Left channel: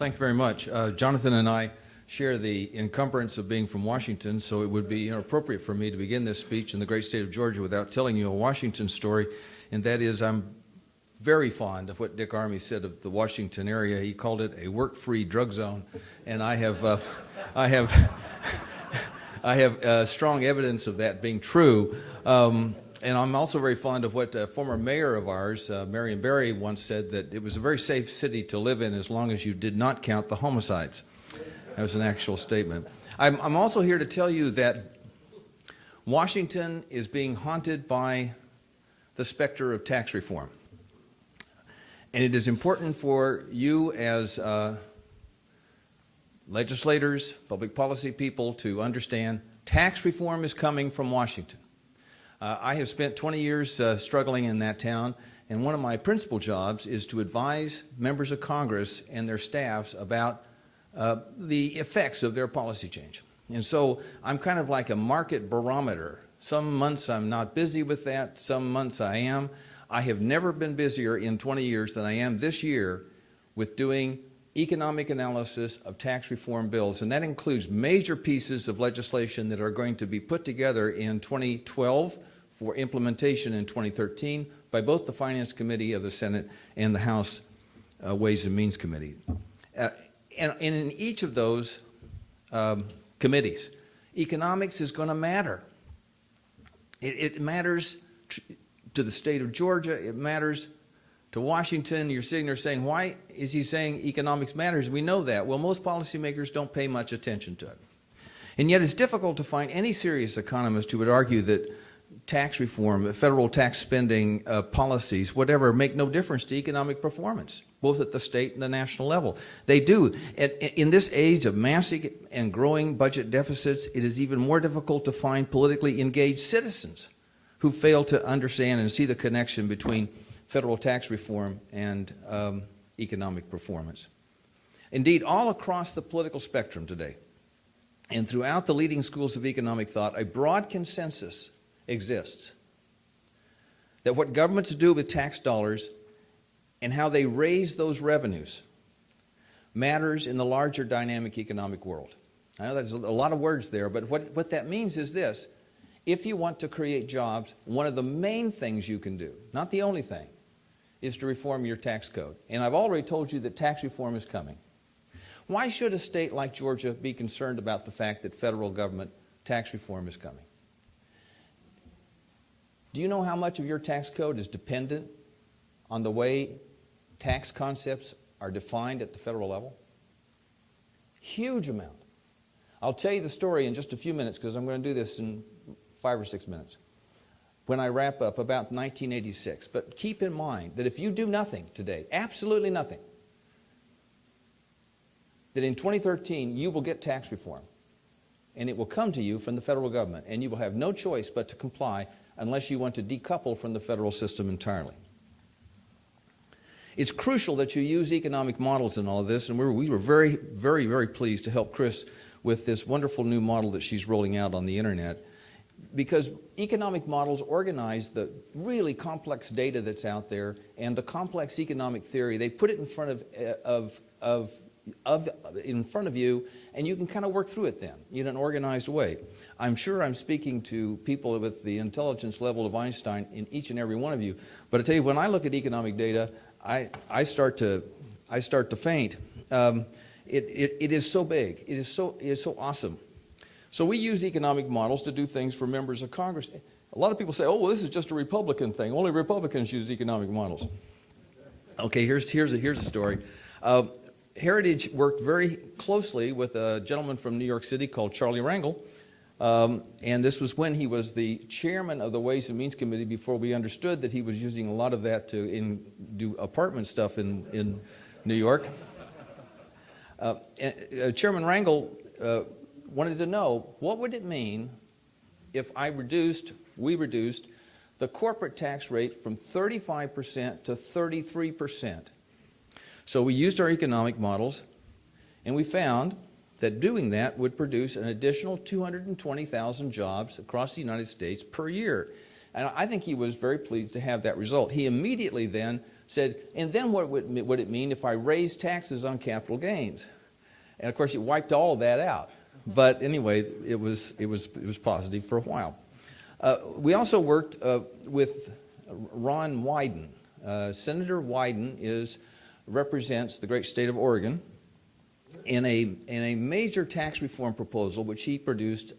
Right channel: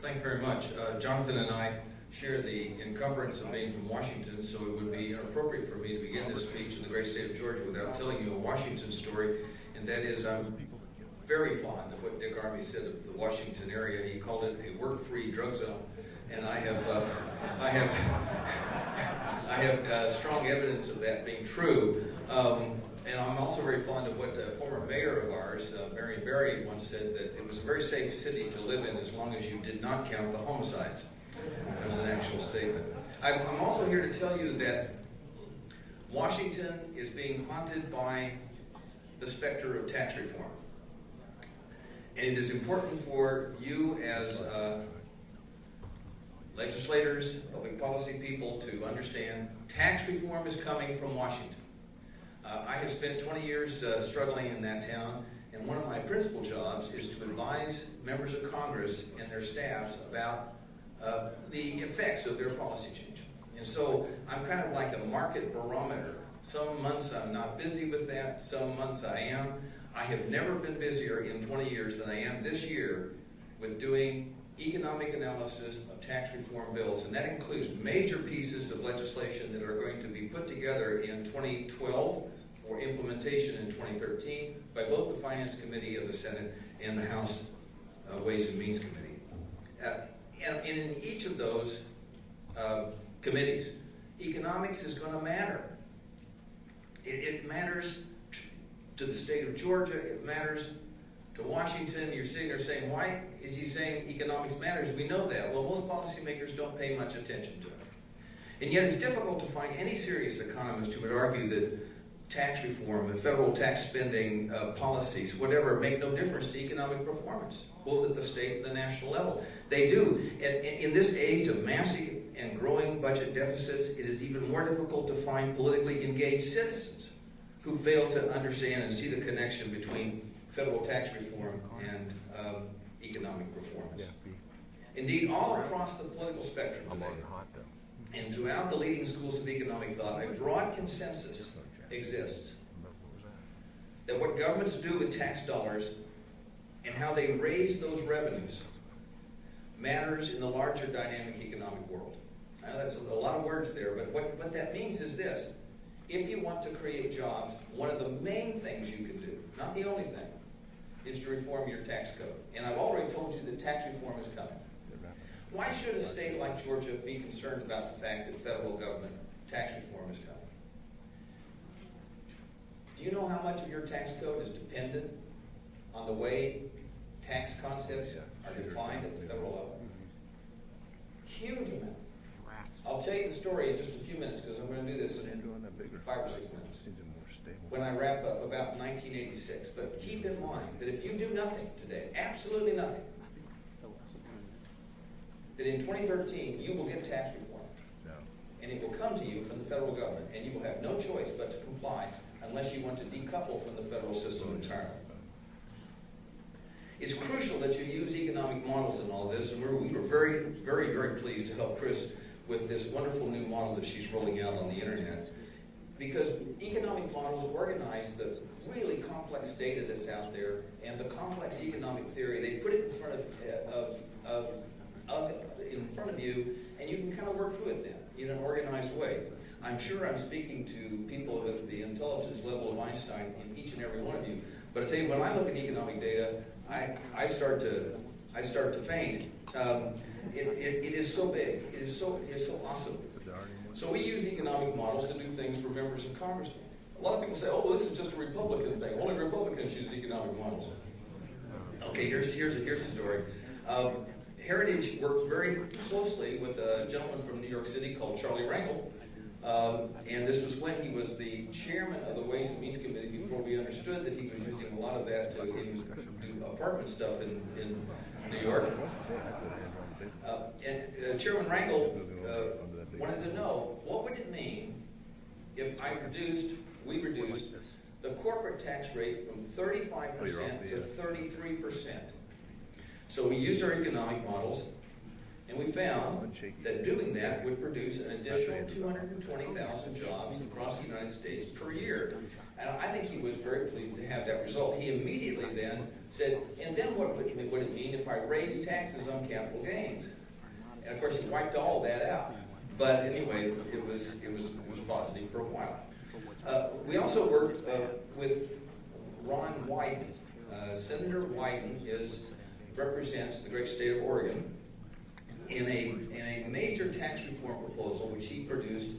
Thank you very much. Jonathan and I share the encumbrance of being from Washington, so it would be inappropriate for me to begin this speech in the great state of Georgia without telling you a Washington story, and that is I'm very fond of what Dick Armey said of the Washington area. He called it a work-free drug zone, and I have strong evidence of that being true. And I'm also very fond of what a former mayor of ours, Marion Barry, once said, that it was a very safe city to live in as long as you did not count the homicides. That was an actual statement. I'm also here to tell you that Washington is being haunted by the specter of tax reform. And it is important for you as legislators, public policy people, to understand tax reform is coming from Washington. I have spent 20 years struggling in that town, and one of my principal jobs is to advise members of Congress and their staffs about the effects of their policy change. And so I'm kind of like a market barometer. Some months I'm not busy with that, some months I am. I have never been busier in 20 years than I am this year with doing economic analysis of tax reform bills, and that includes major pieces of legislation that are going to be put together in 2012 for implementation in 2013 by both the Finance Committee of the Senate and the House Ways and Means Committee. And in each of those committees, economics is going to matter. It matters to the state of Georgia. It matters to Washington. You're sitting there saying, why is he saying economics matters? We know that. Well, most policymakers don't pay much attention to it. And yet it's difficult to find any serious economist who would argue that tax reform, federal tax spending policies, whatever, make no difference to economic performance, both at the state and the national level. They do. In this age of massive and growing budget deficits, it is even more difficult to find politically engaged citizens who fail to understand and see the connection between federal tax reform and economic performance. Indeed, all across the political spectrum today, and throughout the leading schools of economic thought, a broad consensus exists that what governments do with tax dollars and how they raise those revenues matters in the larger dynamic economic world. I know that's a lot of words there, but what that means is this. If you want to create jobs, one of the main things you can do, not the only thing, is to reform your tax code. And I've already told you that tax reform is coming. Why should a state like Georgia be concerned about the fact that federal government tax reform is coming? Do you know how much of your tax code is dependent on the way tax concepts are defined at the federal level? Huge amount. I'll tell you the story in just a few minutes because I'm going to do this in 5 or 6 minutes when I wrap up about 1986. But keep in mind that if you do nothing today, absolutely nothing, that in 2013 you will get tax reform. And it will come to you from the federal government, and you will have no choice but to comply unless you want to decouple from the federal system entirely. It's crucial that you use economic models in all of this, and we were very, very, very pleased to help Chris with this wonderful new model that she's rolling out on the internet, because economic models organize the really complex data that's out there and the complex economic theory. They put it in front of you, and you can kind of work through it then in an organized way. I'm sure I'm speaking to people with the intelligence level of Einstein in each and every one of you. But I tell you, when I look at economic data, I start to faint. It is so big. It is so awesome. So we use economic models to do things for members of Congress. A lot of people say, "Oh, well, this is just a Republican thing. Only Republicans use economic models." Okay, here's a story. Heritage worked very closely with a gentleman from New York City called Charlie Rangel. And this was when he was the chairman of the Ways and Means Committee before we understood that he was using a lot of that to do apartment stuff in New York. Chairman Rangel wanted to know, what would it mean if we reduced the corporate tax rate from 35% to 33%? So we used our economic models, and we found that doing that would produce an additional 220,000 jobs across the United States per year. And I think he was very pleased to have that result. He immediately then said, and then what would it mean if I raised taxes on capital gains? And of course, it wiped all of that out. But anyway, it was positive for a while. We also worked with Ron Wyden. Senator Wyden represents the great state of Oregon in a major tax reform proposal which he produced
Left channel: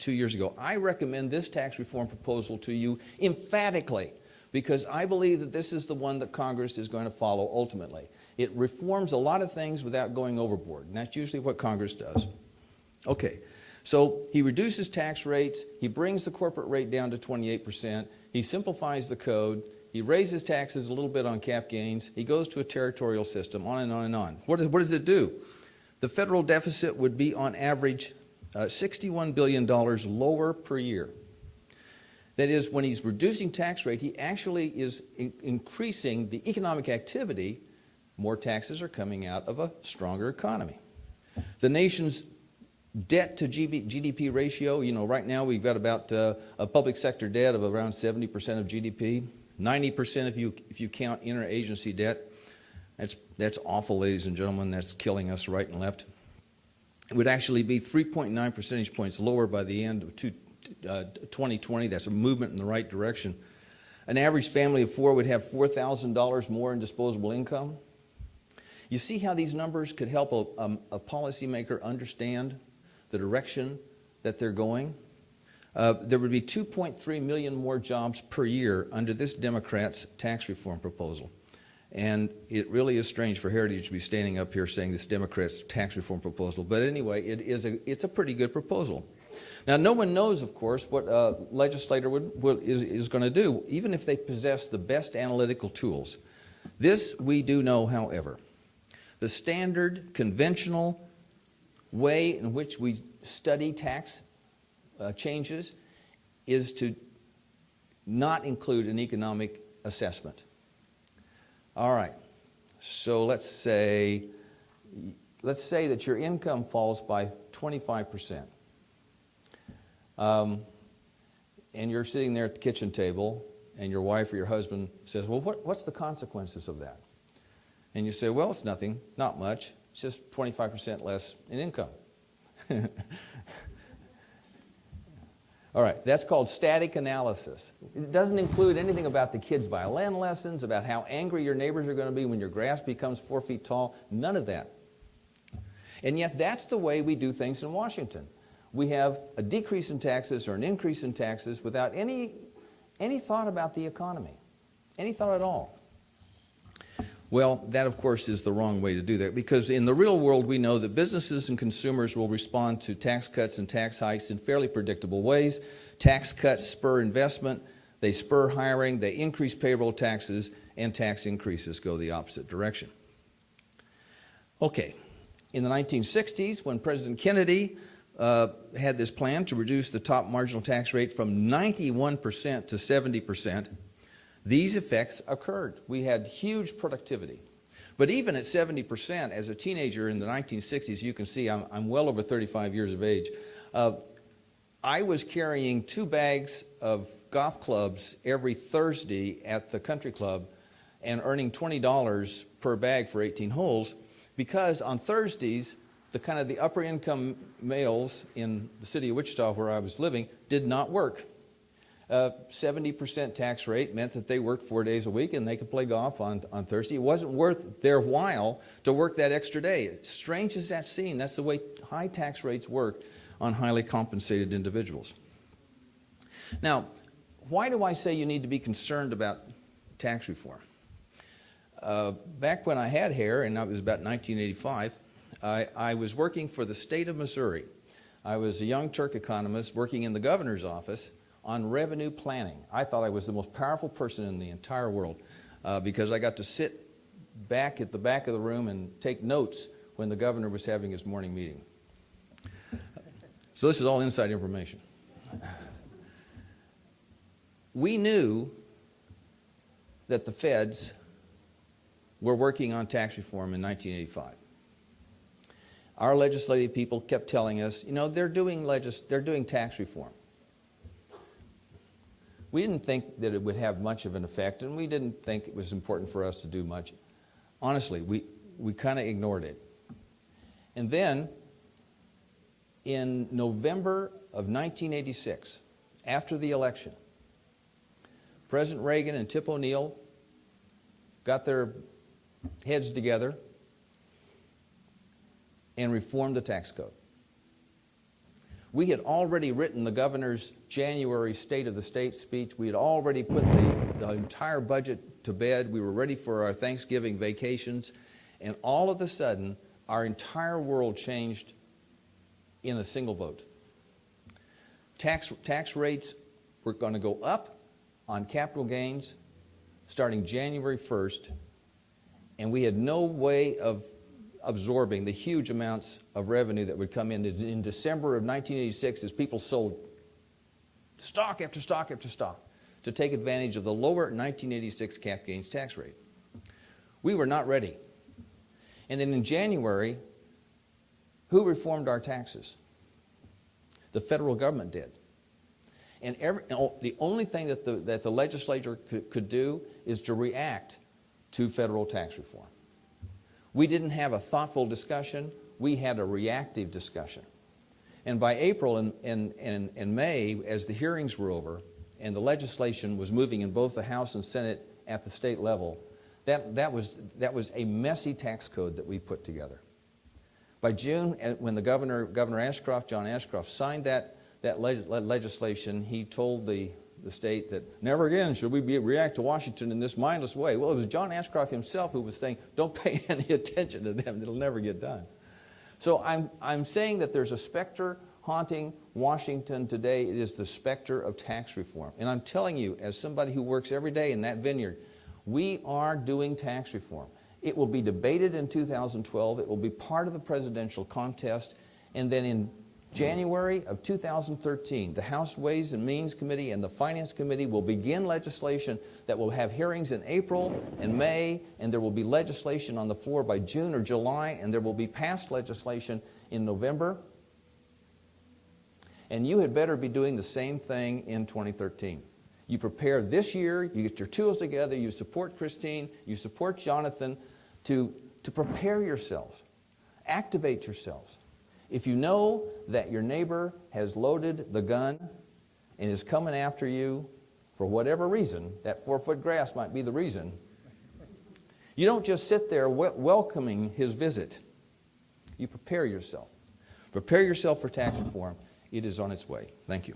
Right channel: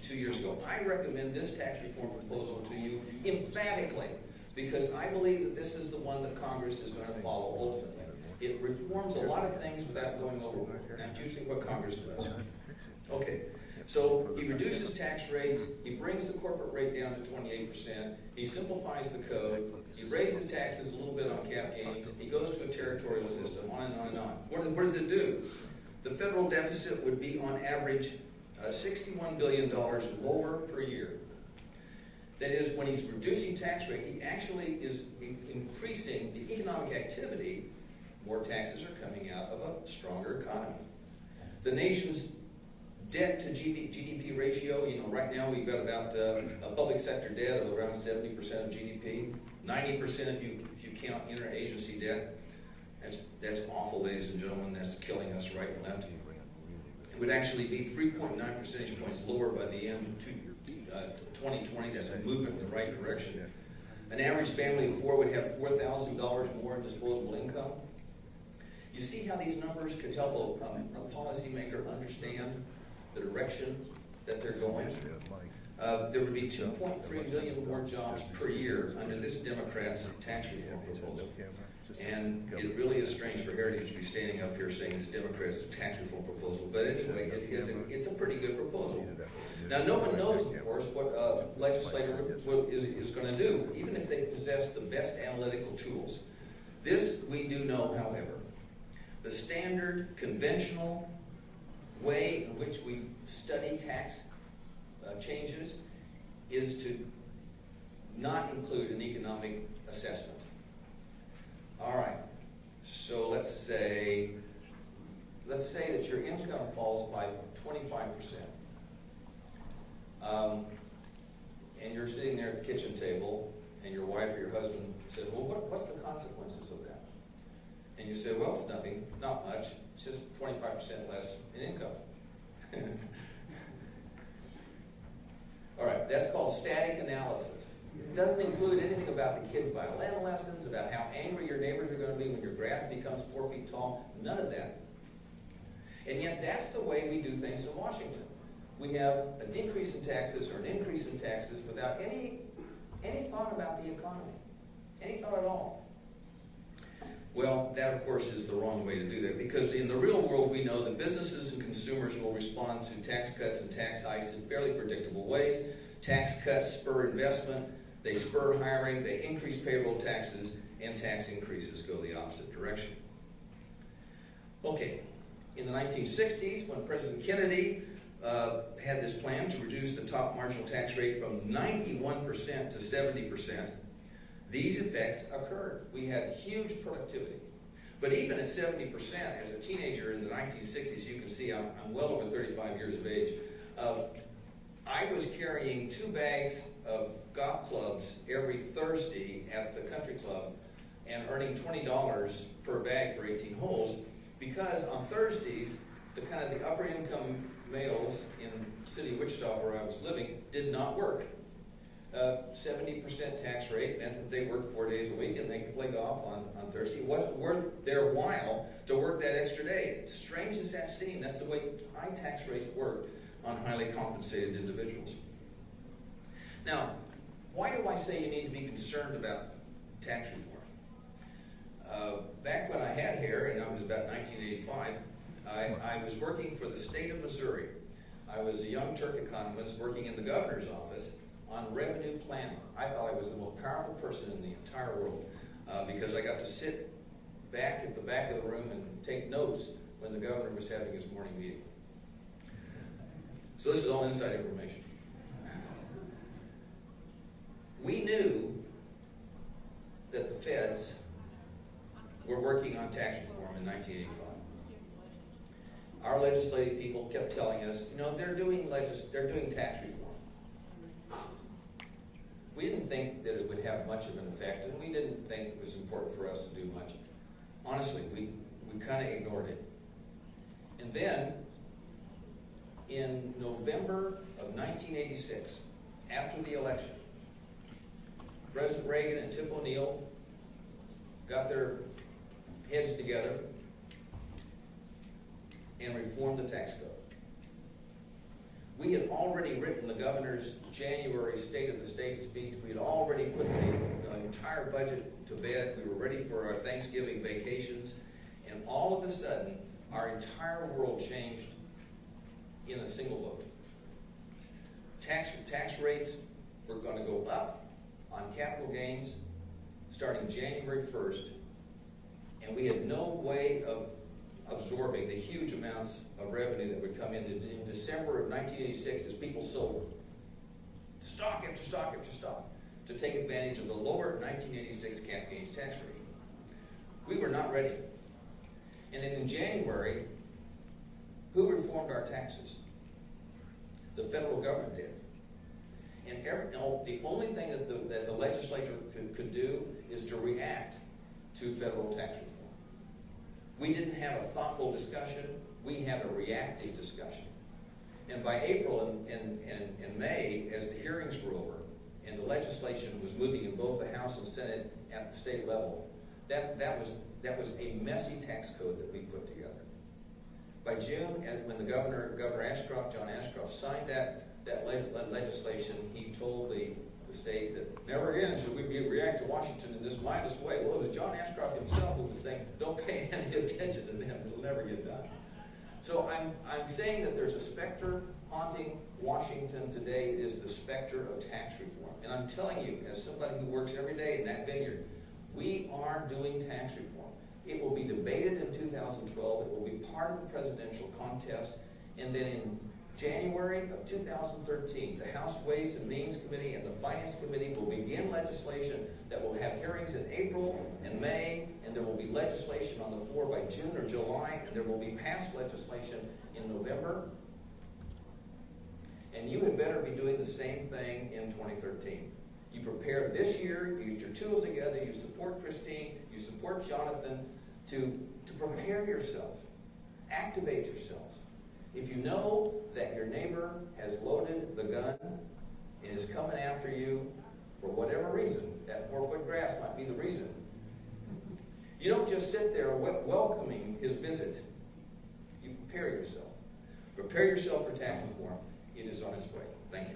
2 years ago. I recommend this tax reform proposal to you emphatically because I believe that this is the one that Congress is going to follow ultimately. It reforms a lot of things without going overboard, and that's usually what Congress does. Okay, so he reduces tax rates, he brings the corporate rate down to 28%, he simplifies the code, he raises taxes a little bit on cap gains, he goes to a territorial system, on and on and on. What does it do? The federal deficit would be on average $61 billion lower per year. That is, when he's reducing tax rate, he actually is increasing the economic activity. More taxes are coming out of a stronger economy. The nation's debt to GDP ratio, right now we've got about a public sector debt of around 70% of GDP, 90% if you count interagency debt. That's awful, ladies and gentlemen. That's killing us right and left. It would actually be 3.9 percentage points lower by the end of 2020. That's a movement in the right direction. An average family of four would have $4,000 more in disposable income. You see how these numbers could help a policymaker understand the direction that they're going? There would be 2.3 million more jobs per year under this Democrat's tax reform proposal. And it really is strange for Heritage to be standing up here saying this Democrat's tax reform proposal. But anyway, it's a pretty good proposal. Now, no one knows, of course, what a legislator is going to do, even if they possess the best analytical tools. This we do know, however. The standard, conventional way in which we study tax changes is to not include an economic assessment. All right, so let's say that your income falls by 25%. And you're sitting there at the kitchen table, and your wife or your husband says, well, what's the consequences of that? And you say, well, it's nothing, not much. It's just 25% less in income. All right, that's called static analysis. It doesn't include anything about the kids' violin lessons, about how angry your neighbors are going to be when your grass becomes 4 feet tall, none of that. And yet that's the way we do things in Washington. We have a decrease in taxes or an increase in taxes without any thought about the economy, any thought at all. Well, that, of course, is the wrong way to do that, because in the real world, we know that businesses and consumers will respond to tax cuts and tax hikes in fairly predictable ways. Tax cuts spur investment, they spur hiring, they increase payroll taxes, and tax increases go the opposite direction. Okay, in the 1960s, when President Kennedy had this plan to reduce the top marginal tax rate from 91% to 70%, these effects occurred. We had huge productivity. But even at 70%, as a teenager in the 1960s, you can see I'm well over 35 years of age, I was carrying 2 bags of golf clubs every Thursday at the country club and earning $20 per bag for 18 holes, because on Thursdays, the upper income males in the city of Wichita where I was living did not work. 70% tax rate meant that they worked 4 days a week and they could play golf on Thursday. It wasn't worth their while to work that extra day. Strange as that seems, that's the way high tax rates work on highly compensated individuals. Now, why do I say you need to be concerned about tax reform? Back when I had hair, and that was about 1985, I was working for the state of Missouri. I was a young Turk economist working in the governor's office on revenue planning. I thought I was the most powerful person in the entire world because I got to sit back at the back of the room and take notes when the governor was having his morning meeting. So this is all inside information. We knew that the feds were working on tax reform in 1985. Our legislative people kept telling us, they're doing tax reform. We didn't think that it would have much of an effect, and we didn't think it was important for us to do much. Honestly, we kind of ignored it. And then, in November of 1986, after the election, President Reagan and Tip O'Neill got their heads together and reformed the tax code. We had already written the governor's January State of the State speech. We had already put the entire budget to bed. We were ready for our Thanksgiving vacations. And all of a sudden, our entire world changed in a single vote. Tax rates were going to go up on capital gains starting January 1st, and we had no way of absorbing the huge amounts of revenue that would come in December of 1986 as people sold stock after stock after stock to take advantage of the lower 1986 cap gains tax rate. We were not ready. And then in January, who reformed our taxes? The federal government did. And the only thing that the legislature could do is to react to federal tax reform. We didn't have a thoughtful discussion. We had a reactive discussion. And by April and May, as the hearings were over and the legislation was moving in both the House and Senate at the state level, that was a messy tax code that we put together. By June, when the Governor Ashcroft, John Ashcroft, signed that legislation, he told the state that never again should we react to Washington in this mindless way. Well, it was John Ashcroft himself who was saying, don't pay any attention to them, it'll never get done. So I'm saying that there's a specter haunting Washington today. It is the specter of tax reform. And I'm telling you, as somebody who works every day in that vineyard, we are doing tax reform. It will be debated in 2012. It will be part of the presidential contest. And then in January of 2013, the House Ways and Means Committee and the Finance Committee will begin legislation that will have hearings in April and May, and there will be legislation on the floor by June or July, and there will be passed legislation in November. And you had better be doing the same thing in 2013. You prepare this year, you get your tools together, you support Christine, you support Jonathan to prepare yourself, activate yourselves. If you know that your neighbor has loaded the gun and is coming after you for whatever reason, that 4-foot grass might be the reason, you don't just sit there welcoming his visit. You prepare yourself. Prepare yourself for tax reform. It is on its way. Thank you.